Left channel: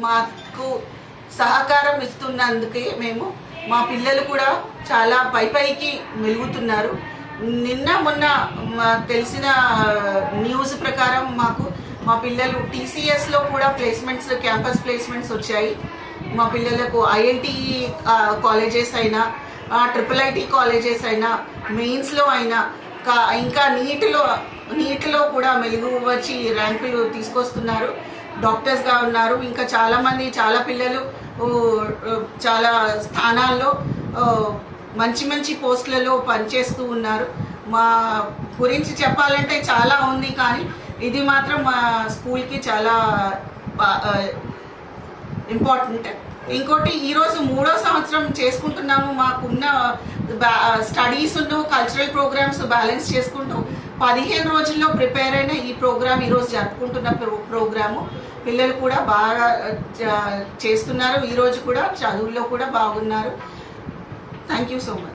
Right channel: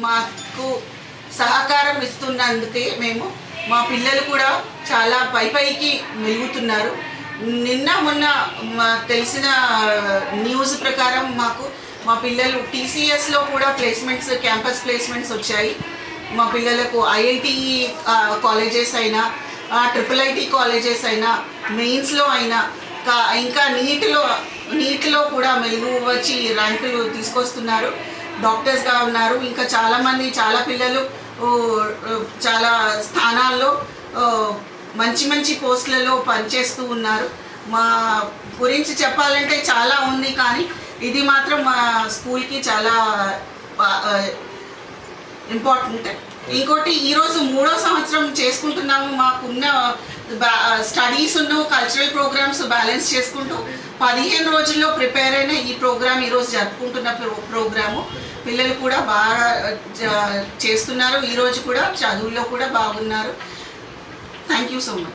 మాకు సహకారం ఇస్తున్నందుకే మేము మా పిల్లలు కూడా చాలా పై పైకి మెలుగుతున్నారు. నిన్న మొన్న మాకు తెలిసిన న్యూస్ ప్రకారం మాకు మా పిల్లలు టీసీఎస్లో కూడా ప్లేస్మెంట్స్ క్యాంపస్ ప్లేస్మెంట్స్ వచ్చాయి. మా పిల్లలకు ఐఐటి కాలేజెస్ అయినా ట్రిపుల్ ఐటీ కాలేజెస్ అయినా మెయిన్స్లో అయినా కా- ఇంకా నీటిలో నీటిలో కూడా మెలుగు వచ్చి ర్యాంకులు తీసుకొస్తున్నారు. డాక్టర్స్గా ఉన్నారు. ఇంకా చాలామంది చాలా పిల్లలు చాలా స్థానాల్లో మంచి మంచి పోస్టులలో పనిచేస్తూ ఉన్నారు. మా గురించి చెప్పాలంటే చాలా ఉంది కానీ ఇది మాత్రం మా స్కూల్కి చాలా ఇంపార్టెంట్. ఇంకోటి ఈరోజు మూడో సంవత్సరం చేసుకుంటున్నాము. మాకున్న స్టడీస్ కల్చరల్ ప్రోగ్రామ్స్ బ్యాలెన్స్ చేసుకుంటూ పదిహేను రోజుల్లో ప్రిపేర్ అయిన ఈ ప్రోగ్రామ్ ఈరోజు జరుపుకుంటున్న ప్రో ప్రోగ్రాము. పిల్లలు కూడా బాగా చేస్తున్నారు. ఈరోజు కూడా చదువుల్లో కూడా బాగున్నారు. Thank you so much